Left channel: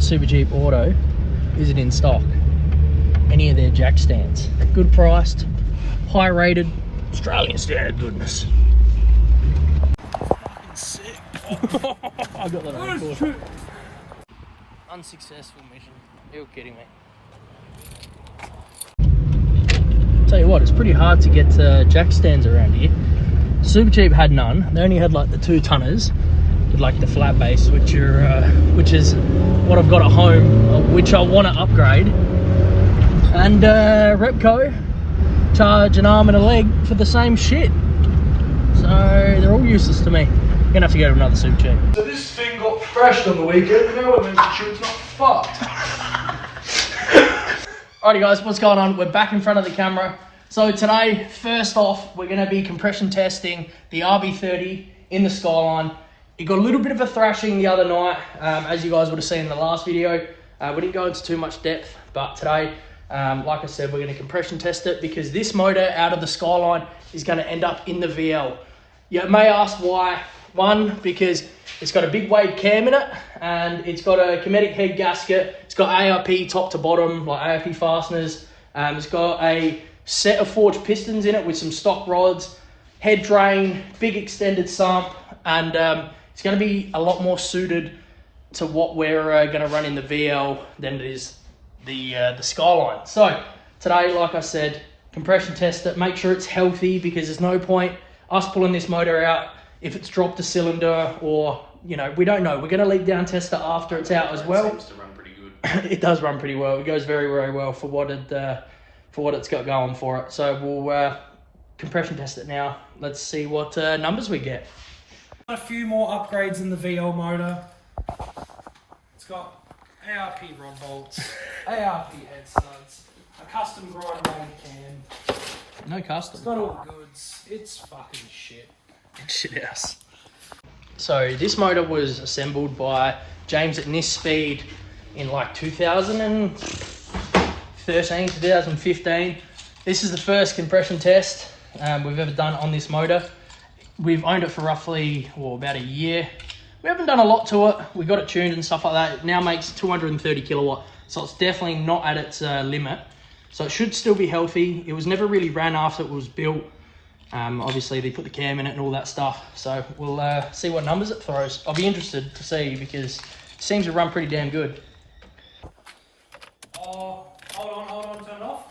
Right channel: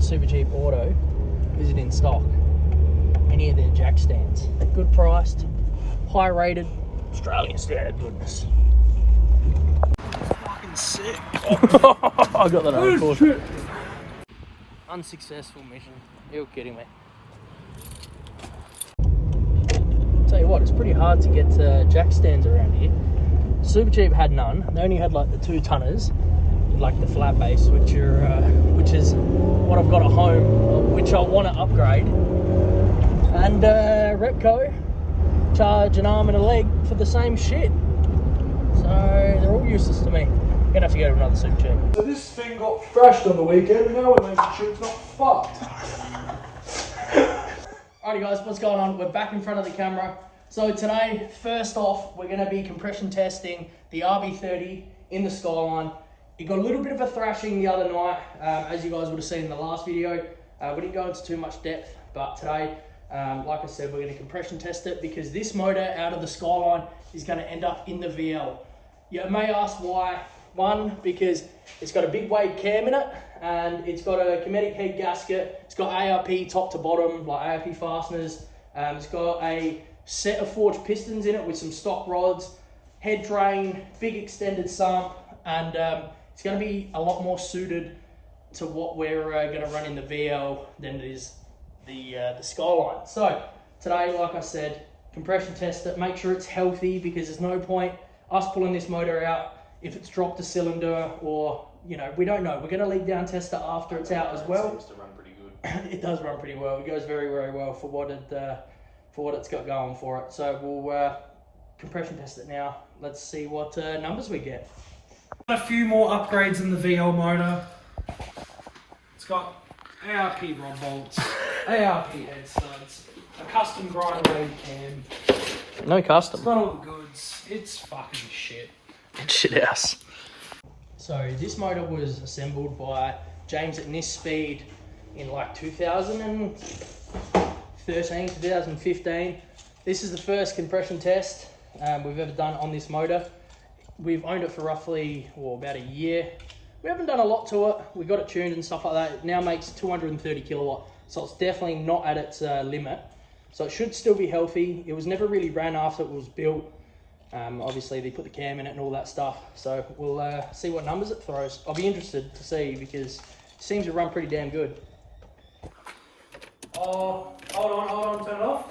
Super Jeep Auto, is it in stock? Any of their jack stands. Good priced, high rated, Australian standard goodness. Fucking sick. Oh, I got that on record. Unsuccessful mission. Real kidding me. Tell you what, it's pretty hard to get jack stands around here. Super Jeep had none. They only had like the 2-tonners, with like the flat base, which is what I've got at home, which I want to upgrade. And Repco charge an arm and a leg for the same shit. So they're all useless to me. I'm gonna have to go to another Super Jeep. So this thing got crashed on the weekend. Now we're making sure it's not fucked. Alrighty guys, what's going on? We're back in front of the camera. So today, first off, we're going to be compression testing the RB30 in the Skyline. It got a little bit of a thrashing the other night, as you guys would have seen in the last video. We didn't go into too much depth, but today, like I said, we're going to compression test it because this motor out of the Skyline is going to end up in the VL. You may ask why. One, because it's got a big wave cam in it, and it's got a Cometic head gasket. It's got ARP top to bottom, like ARP fasteners. It's got a set of forged pistons in it with some stock rods, head drain, big extended sump, and it's going to be a lot more suited to what we're going to run in the VL than it is the Skyline. So today, like I said, compression test it, make sure it's healthy, because there's no point us pulling this motor out if it's dropped a cylinder, or, you know, we don't know. We're going to leak down test it after it's out as well. It seems to run pretty good. It does run pretty well. It goes very, very well for what it's got going for it. So we'll compression test it now. Let's see what numbers we get. A few more upgrades in the VL motor. It's got ARP rod bolts, ARP head studs, a custom grinder weight cam. No custom. It's got all the goods. It's fucking shit. It's shit house. So this motor was assembled by James at Nis Speed in like 2013, 2015. This is the first compression test we've ever done on this motor. We've owned it for roughly, well, about a year. We haven't done a lot to it. We got it tuned and stuff like that. It now makes 230 kilowatt. So it's definitely not at its limit. So it should still be healthy. It was never really ran after it was built. Obviously they put the cam in it and all that stuff. So we'll see what numbers it throws. I'll be interested to see, because it seems to run pretty damn good. Oh, hold on, turn it off.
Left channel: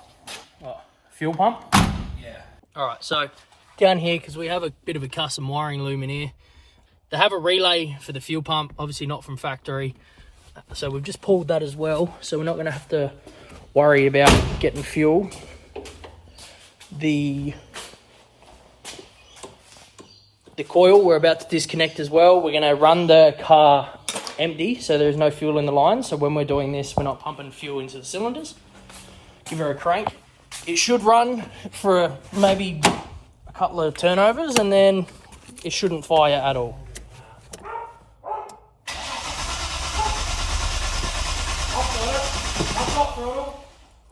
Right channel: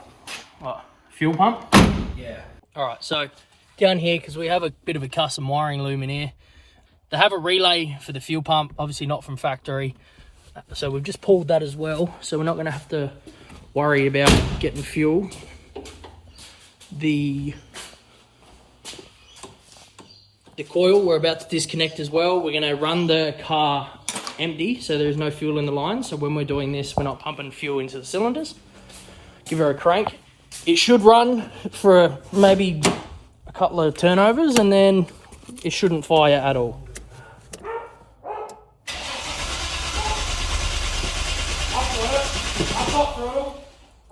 What, fuel pump? Yeah. All right, so down here, because we have a bit of a custom wiring loom in here, they have a relay for the fuel pump, obviously not from factory. So we've just pulled that as well. So we're not gonna have to worry about getting fuel. The coil we're about to disconnect as well. We're gonna run the car empty, so there's no fuel in the line. So when we're doing this, we're not pumping fuel into the cylinders. Give her a crank. It should run for maybe a couple of turnovers, and then it shouldn't fire at all.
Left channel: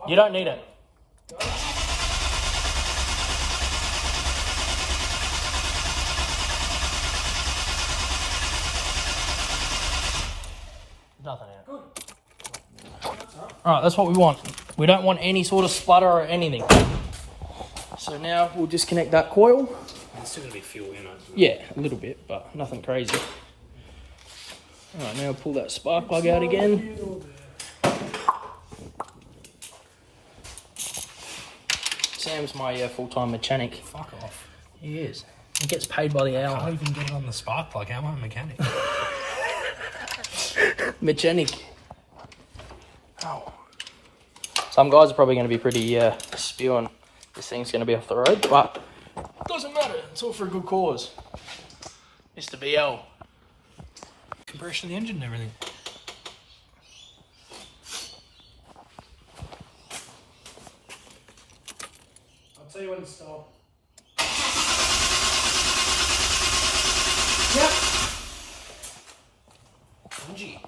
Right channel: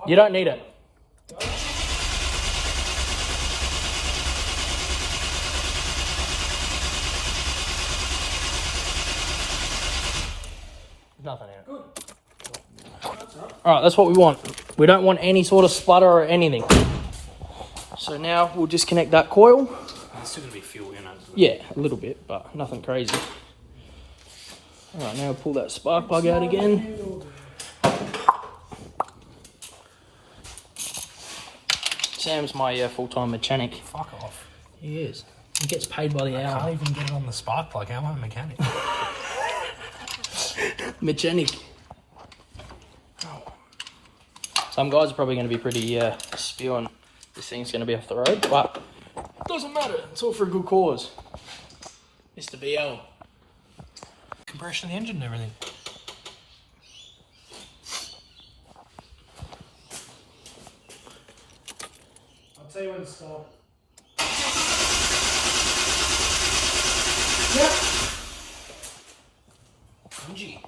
You don't need it. Nothing in it. Alright, that's what we want. We don't want any sort of sputter or anything. So now we'll disconnect that coil. There's still going to be fuel in it. Yeah, a little bit, but nothing crazy. Alright, now pull that spark plug out again. Sam's my full-time mechanic. Fuck off. He is. He gets paid by the hour. I can't even get it on the spark plug. How am I a mechanic? Mechanic. Oh. Some guys are probably going to be pretty spewing this thing's going to be off the road, but doesn't matter. It's all for a good cause. Mr. BL. Compression of the engine and everything. I'll tell you when to stop. Yep. Pungy.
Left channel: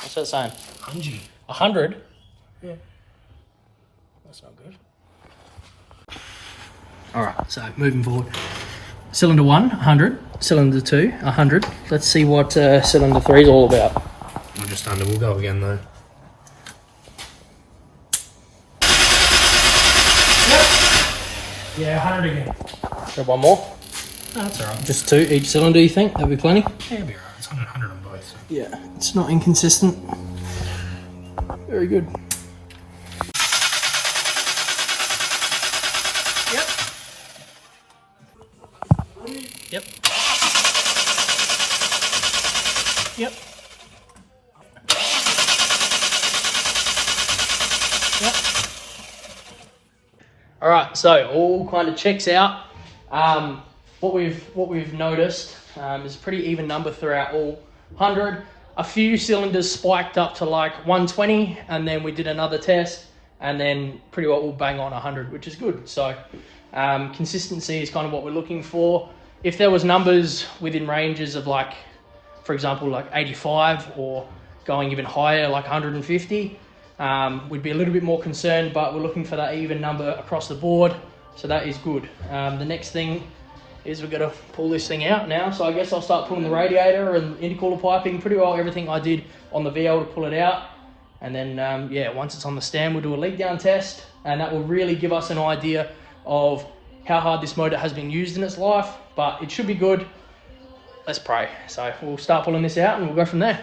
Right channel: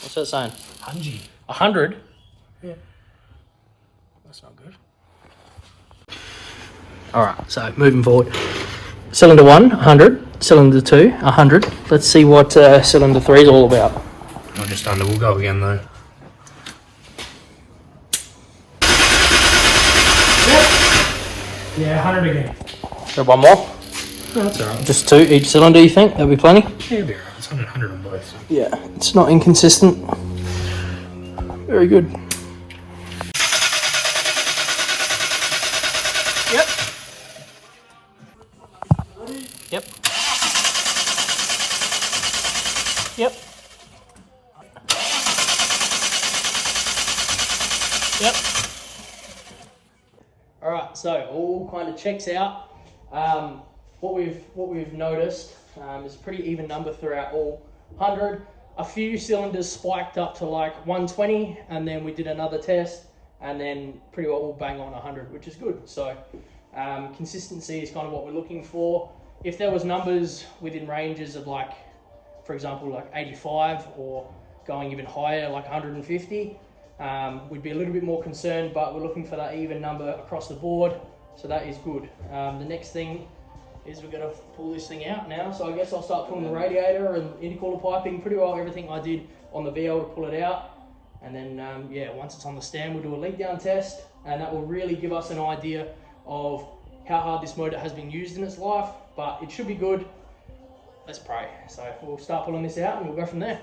What's that saying? Pungy. 100? Yeah. That's not good. Alright, so moving forward. Cylinder 1, 100. Cylinder 2, 100. Let's see what cylinder 3 is all about. Not just under, we'll go again though. Yeah, 100 again. Got one more? No, that's alright. Just 2 each cylinder, you think? That'll be plenty? Yeah, it'll be alright. It's 100 on both. So. Yeah, it's not inconsistent. Very good. Yep. Yep. Yep. Yep. All right, so all kind of checks out. What we've noticed is pretty even number throughout all 100. A few cylinders spiked up to like 120, and then we did another test, and then pretty well all bang on 100, which is good. So consistency is kind of what we're looking for. If there was numbers within ranges of like, for example, like 85 or going even higher, like 150, we'd be a little bit more concerned, but we're looking for that even number across the board. So that is good. The next thing is we've got to pull this thing out now. So I guess I'll start pulling the radiator and intercooler piping, pretty well everything I did on the VL to pull it out. And then, yeah, once it's on the stand, we'll do a leak down test, and that will really give us an idea of how hard this motor has been used in its life, but it should be good. Let's pray. So we'll start pulling this out and we'll go from there.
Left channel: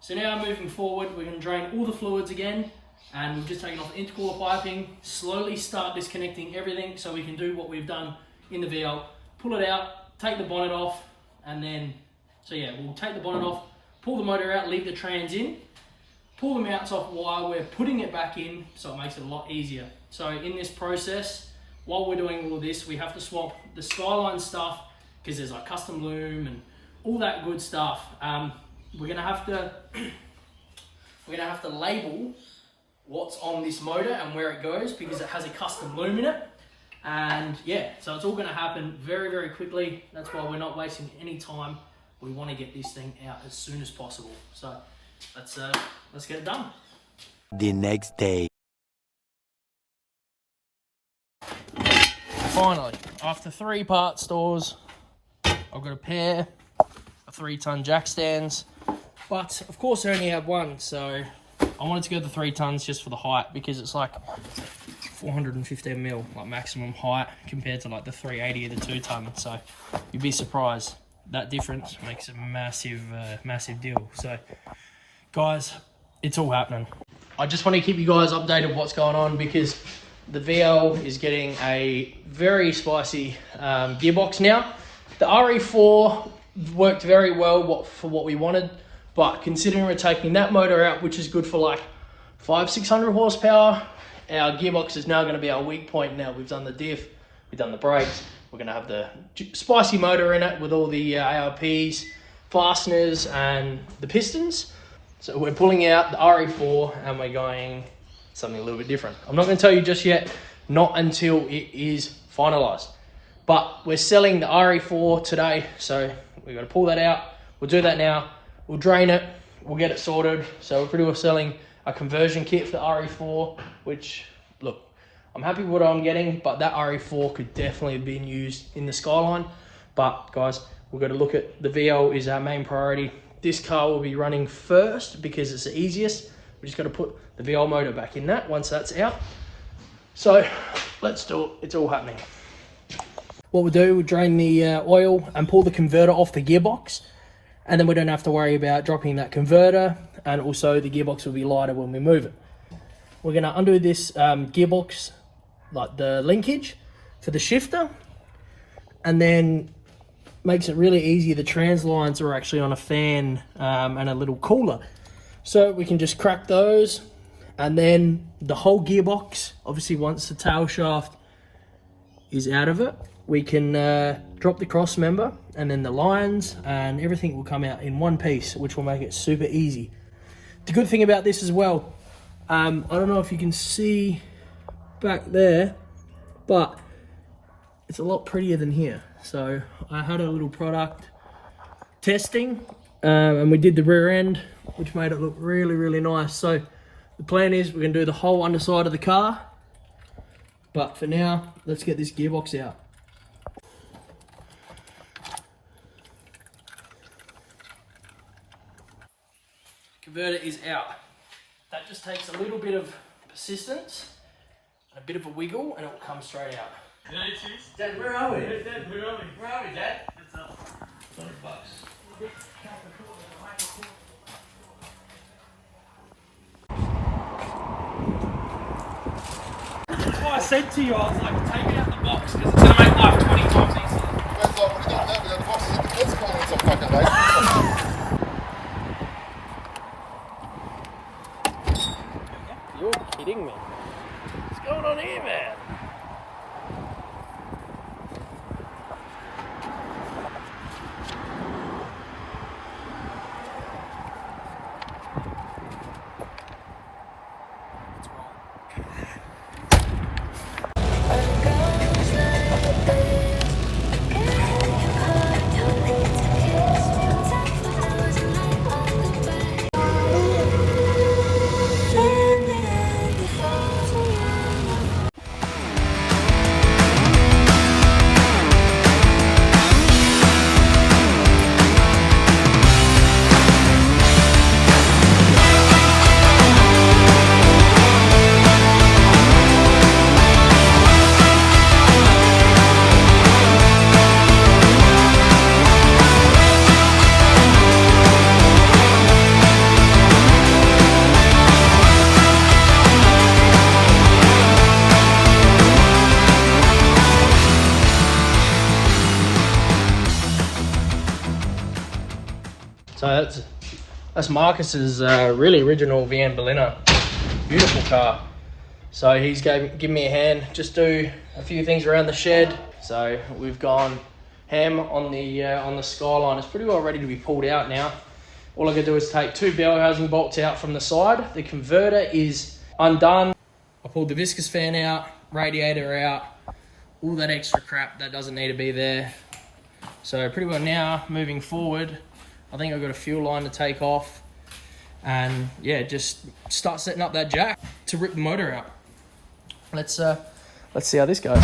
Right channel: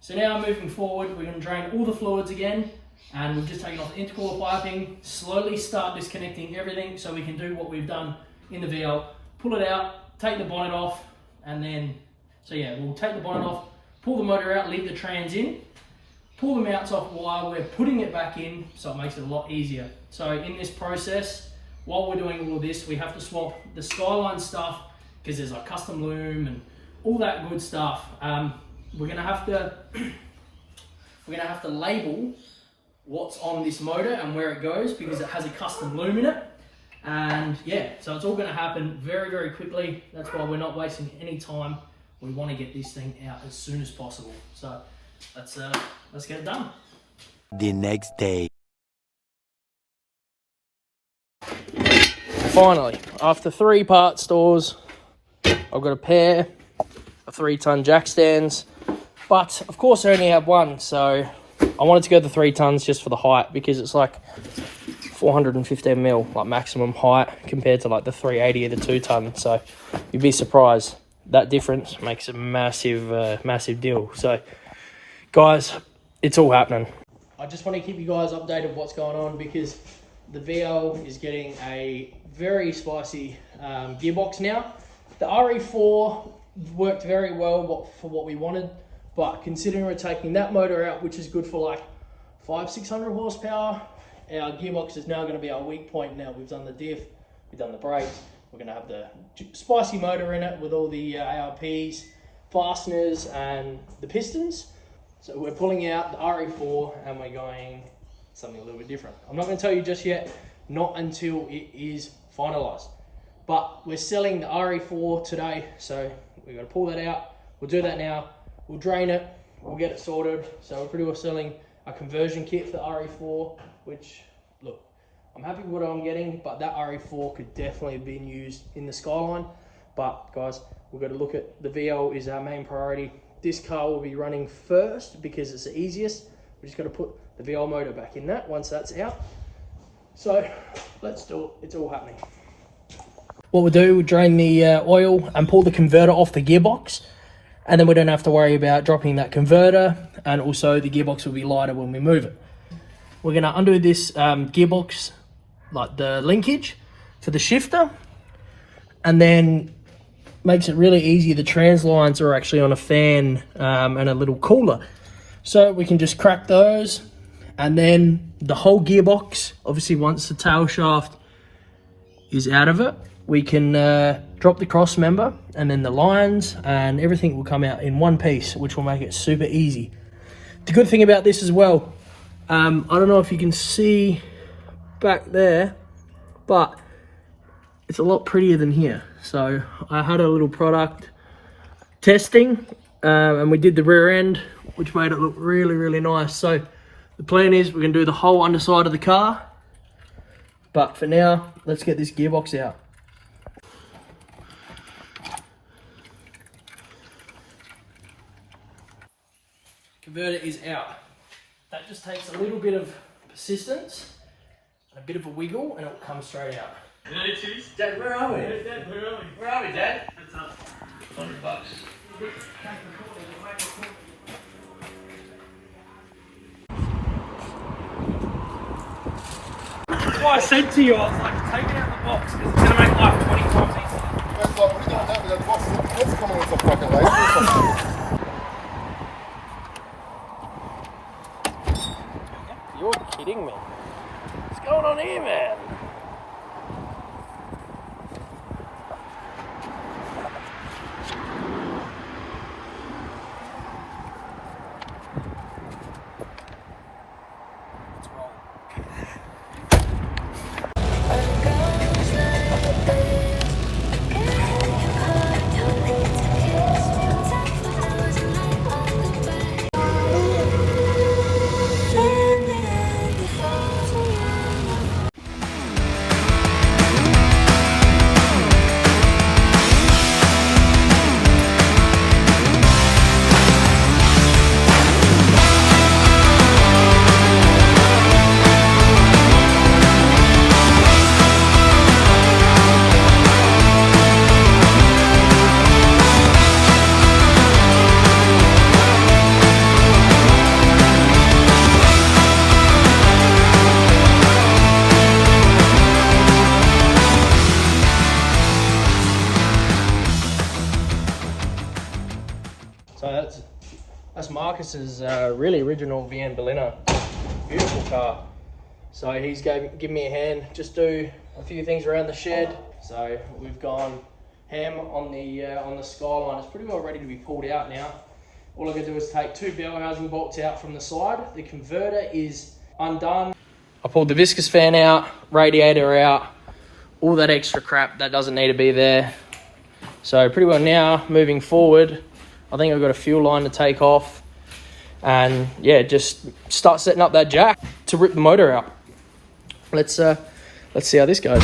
So now moving forward, we're going to drain all the fluids again, and we've just taken off intercooler piping, slowly start disconnecting everything so we can do what we've done in the VL, pull it out, take the bonnet off, and then, so yeah, we'll take the bonnet off, pull the motor out, leave the trans in, pull the mounts off while we're putting it back in, so it makes it a lot easier. So in this process, while we're doing all this, we have to swap the Skyline stuff, because there's like custom loom and all that good stuff. We're gonna have to label what's on this motor and where it goes, because it has a custom loom in it. And yeah, so it's all gonna happen very, very quickly. That's why we're not wasting any time. We want to get this thing out as soon as possible. So let's get it done. The next day. Finally, after 3-part stores, I've got a pair of 3-ton jack stands, but of course I only have one, so I wanted to go the 3 tons just for the height, because it's like 415 mil, like maximum height, compared to like the 380 of the 2-ton. So you'd be surprised. That difference makes a massive, massive deal. So guys, it's all happening. I just want to keep you guys updated what's going on, because the VL is getting a very spicy gearbox now. The RE4 worked very well for what we wanted, but considering we're taking that motor out, which is good for like 500-600 horsepower, our gearbox is now going to be our weak point. Now we've done the diff, we've done the brakes, we're going to have the spicy motor in it with all the ARPs, fasteners and the pistons. So we're pulling out the RE4 and we're going something a little bit different. I'm not going to tell you just yet, not until it is finalized. But we're selling the RE4 today, so we've got to pull that out. We'll do that now. We'll drain it, we'll get it sorted. So we're pretty well selling a conversion kit for the RE4, which, look, I'm happy with what I'm getting, but that RE4 could definitely have been used in the Skyline. But guys, we've got to look at the VL is our main priority. This car will be running first because it's the easiest. We just got to put the VL motor back in that once that's out. So let's do it. It's all happening. What we'll do, we'll drain the oil and pull the converter off the gearbox, and then we don't have to worry about dropping that converter, and also the gearbox will be lighter when we move it. We're going to undo this gearbox, like the linkage for the shifter, and then makes it really easy. The trans lines are actually on a fan and a little cooler, so we can just crack those, and then the whole gearbox, obviously once the tail shaft is out of it, we can drop the cross member, and then the lines and everything will come out in one piece, which will make it super easy. The good thing about this as well, I don't know if you can see back there, but it's a lot prettier than here. So I had a little product testing and we did the rear end, which made it look really, really nice. So the plan is we're gonna do the whole underside of the car, but for now, let's get this gearbox out. converter is out. That just takes a little bit of persistence and a bit of a wiggle and it will come straight out. Dad, where are we? Dad, where are we? Where are we, Dad? What's up? $100. That's why I said to you, I was like, take it out of the box because it's going to make life 20 times easier. I was like, what are you doing that with that box? It's coming into fucking laser. You're kidding me. What's going on here, man? So that's Marcus's really original VN Berliner. Beautiful car. So he's giving me a hand, just do a few things around the shed. So we've gone ham on the Skyline. It's pretty well ready to be pulled out now. All I gotta do is take 2 bell housing bolts out from the side. The converter is undone. I pulled the viscous fan out, radiator out, all that extra crap that doesn't need to be there. So pretty well now, moving forward, I think I've got a fuel line to take off and yeah, just start setting up that jack to rip the motor out. Let's see how this goes.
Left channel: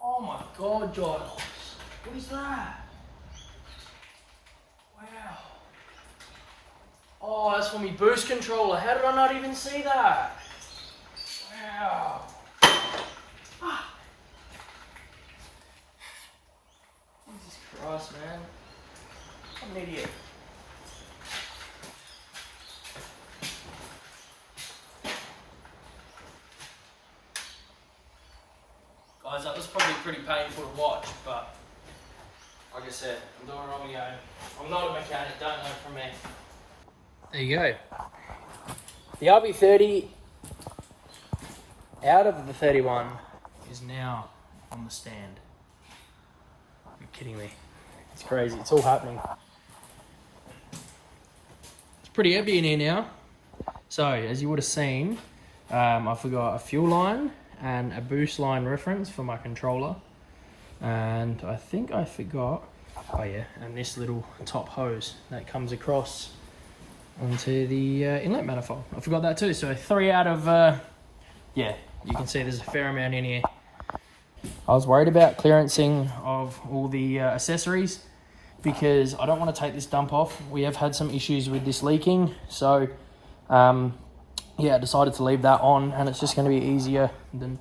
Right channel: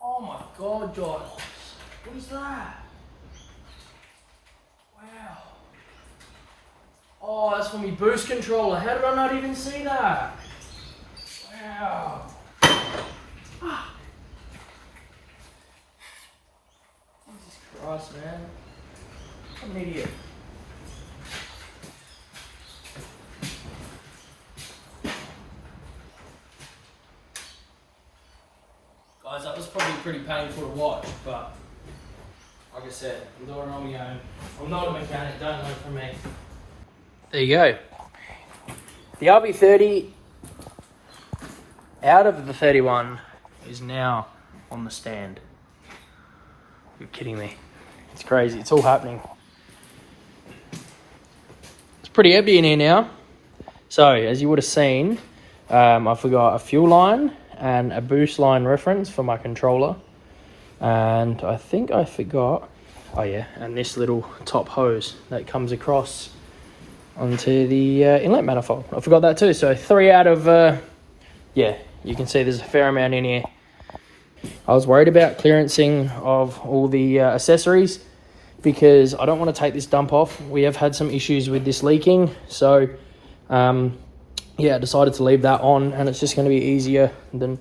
Oh my God, Giles. What is that? Wow. Oh, that's for me boost controller. How did I not even see that? Wow. Ah. Jesus Christ, man. I'm an idiot. Guys, that was probably pretty painful to watch, but like I said, I'm doing it on my own. I'm not a mechanic, don't learn from me. There you go. The RB30 out of the 31 is now on the stand. You're kidding me. It's crazy, it's all happening. It's pretty heavy in here now. So, as you would have seen, I forgot a fuel line and a boost line reference for my controller, and I think I forgot, oh yeah, and this little top hose that comes across onto the inlet manifold. I forgot that too. So 3 out of yeah, you can see there's a fair amount in here. I was worried about clearancing of all the accessories, because I don't want to take this dump off. We have had some issues with this leaking, so yeah, I decided to leave that on, and it's just going to be easier than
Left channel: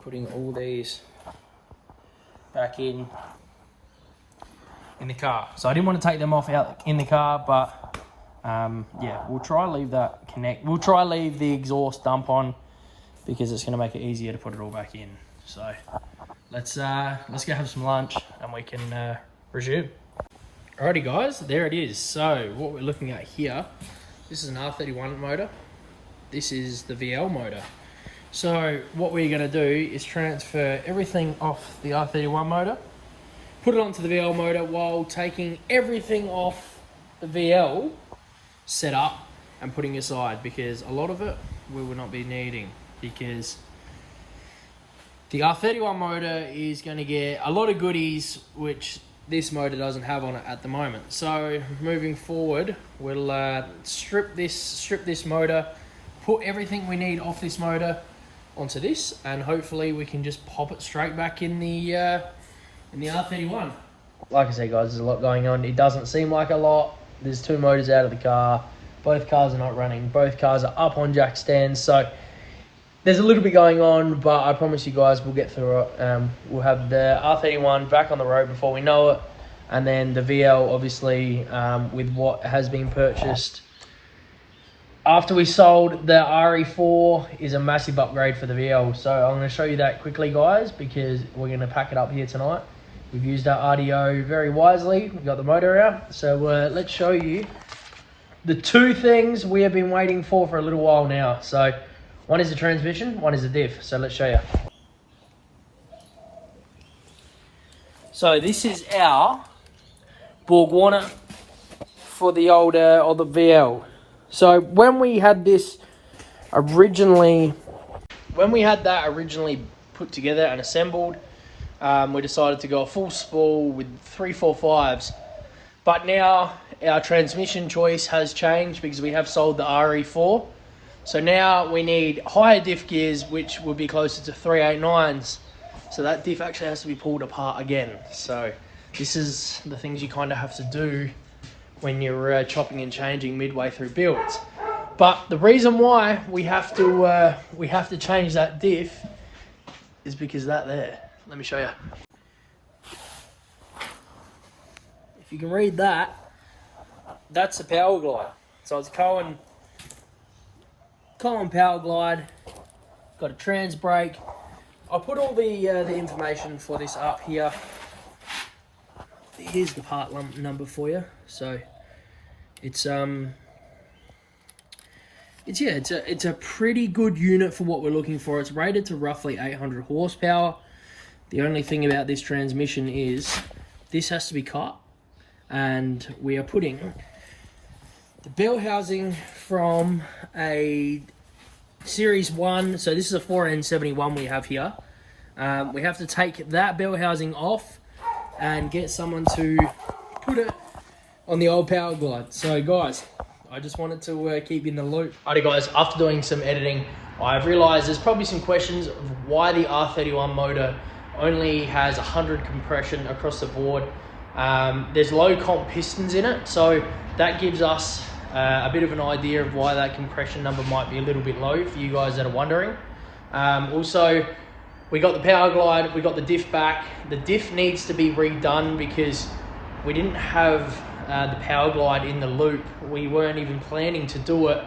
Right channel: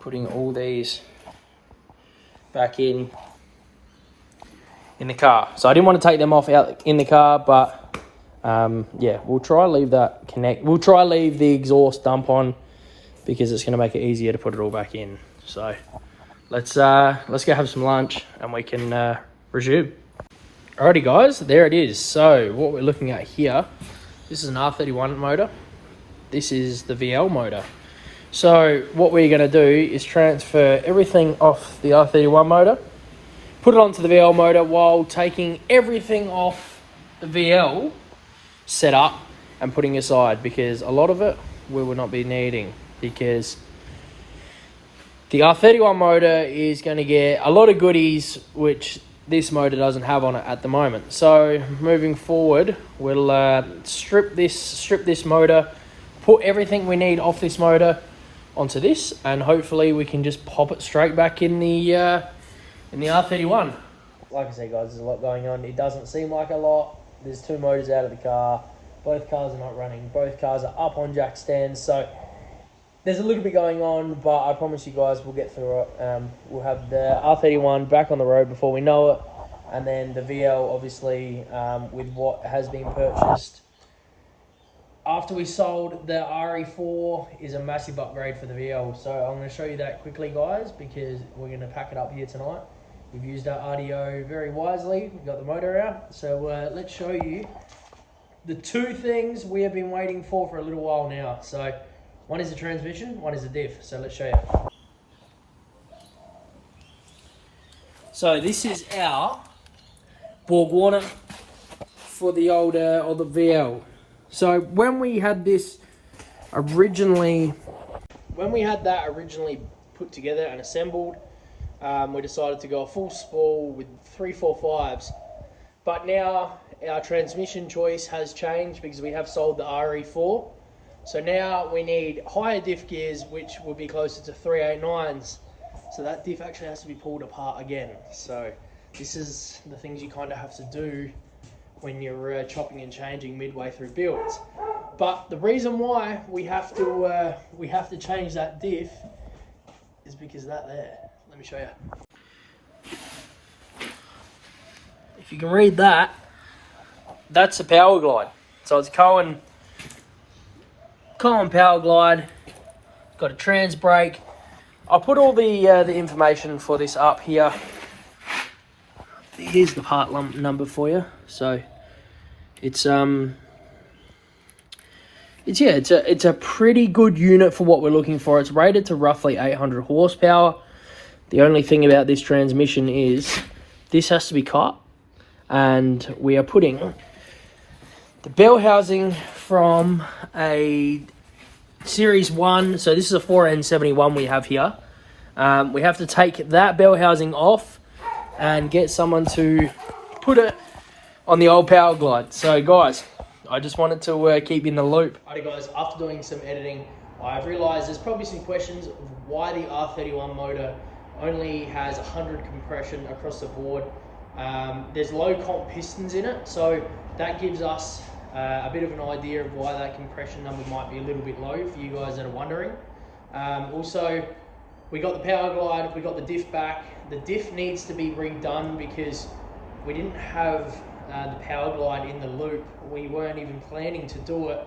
putting all these back in the car. So I didn't want to take them off out in the car, but yeah, we'll try leave that we'll try leave the exhaust dump on, because it's going to make it easier to put it all back in. So let's go have some lunch and we can resume. Alrighty guys, there it is. So what we're looking at here, this is an R31 motor. This is the VL motor. So what we're going to do is transfer everything off the R31 motor, put it onto the VL motor while taking everything off the VL setup and putting aside, because a lot of it we will not be needing, because the R31 motor is going to get a lot of goodies which this motor doesn't have on it at the moment. So moving forward, we'll strip this motor, put everything we need off this motor onto this, and hopefully we can just pop it straight back in the R31. Like I said guys, there's a lot going on. It doesn't seem like a lot. There's 2 motors out of the car. Both cars are not running. Both cars are up on jack stands. So there's a little bit going on, but I promise you guys we'll get through it. We'll have the R31 back on the road before we know it. And then the VL, obviously, with what has been purchased after we sold the RE4, is a massive upgrade for the VL. So I'm going to show you that quickly, guys, because we're going to pack it up here tonight. We've used our RDO very wisely. We've got the motor out. So let's show you the 2 things we have been waiting for a little while now. So one is the transmission, one is the diff. So let's show you. So this is our Borg Warner for the old or the VL. So when we had that originally put together and assembled, we decided to go a full spool with 345s. But now our transmission choice has changed because we have sold the RE4. So now we need higher diff gears, which will be closer to 389s. So that diff actually has to be pulled apart again. So this is the things you kind of have to do when you're chopping and changing midway through builds. But the reason why we have to change that diff is because that there. Let me show you. If you can read that, that's a Power Glide. So it's Cohen Power Glide. Got a trans brake. I'll put all the information for this up here. Here's the part number for you. So it's a pretty good unit for what we're looking for. It's rated to roughly 800 horsepower. The only thing about this transmission is this has to be cut, and we are putting the bell housing from a Series 1, so this is a 4N71 we have here. We have to take that bell housing off and get someone to put it on the old Power Glide. So guys, I just wanted to keep you in the loop. Alright guys, after doing some editing, I've realised there's probably some questions of why the R31 motor only has 100 compression across the board. There's low comp pistons in it, so that gives us a bit of an idea of why that compression number might be a little bit low for you guys that are wondering. Also, we got the Power Glide, we got the diff back. The diff needs to be redone because we didn't have the Power Glide in the loop. We weren't even planning to do it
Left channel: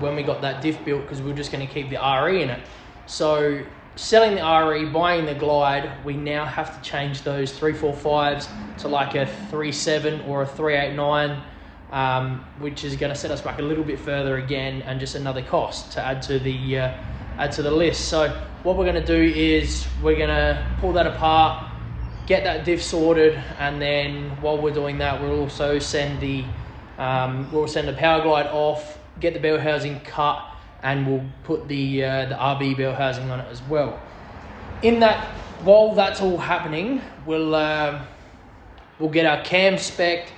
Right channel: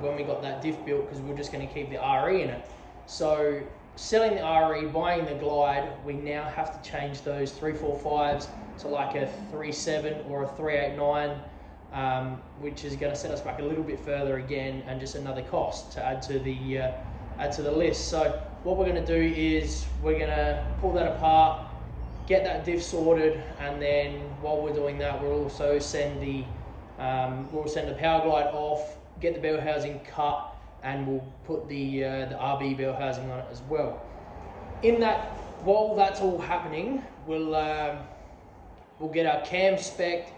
when we got that diff built, because we were just going to keep the RE in it. So selling the RE, buying the Glide, we now have to change those 345s to like a 37 or a 389. Which is going to set us back a little bit further again, and just another cost to add to the list. So what we're going to do is we're going to pull that apart, get that diff sorted, and then while we're doing that, we'll also send the Power Glide off, get the bell housing cut, and we'll put the RB bell housing on it as well. While that's all happening, we'll get our cam spec'd.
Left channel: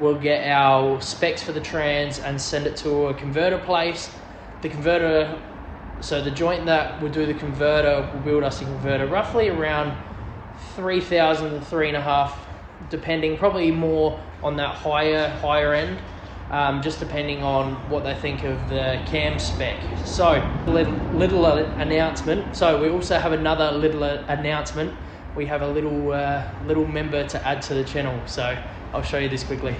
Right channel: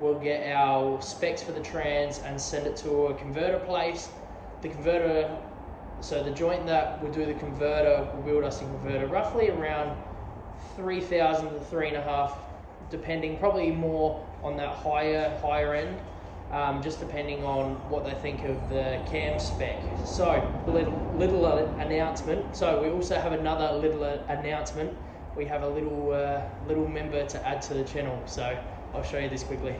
We'll get our specs for the trans and send it to a converter place. The converter, so the joint that will do the converter will build us a converter roughly around 3,000 to depending, probably more on that higher end, just depending on what they think of the cam spec. So little announcement. So we also have another little announcement. We have a little member to add to the channel, so I'll show you this quickly.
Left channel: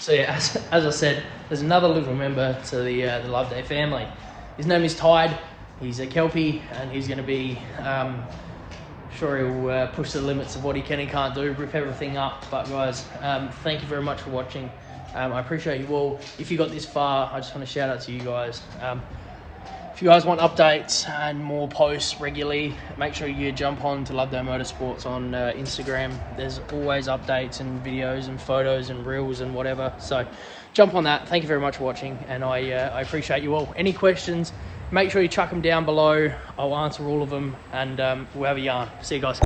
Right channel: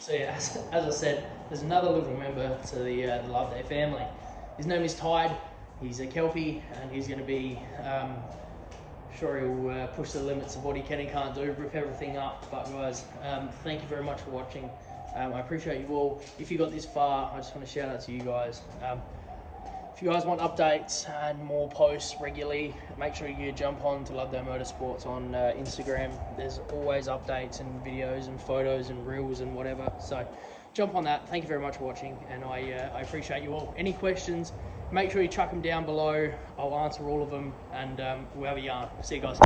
So yeah, as I said, there's another little member to the Loveday family. His name is Tide. He's a Kelpie, and he's going to be, sure he'll push the limits of what he can and can't do, rip everything up. But guys, thank you very much for watching. I appreciate you all. If you got this far, I just want to shout out to you guys. If you guys want updates and more posts regularly, make sure you jump on to Loveday.Motorsports on Instagram. There's always updates and videos and photos and reels and whatever. So jump on that. Thank you very much for watching, and I appreciate you all. Any questions, make sure you chuck them down below. I'll answer all of them, and we'll have a yarn. See you guys.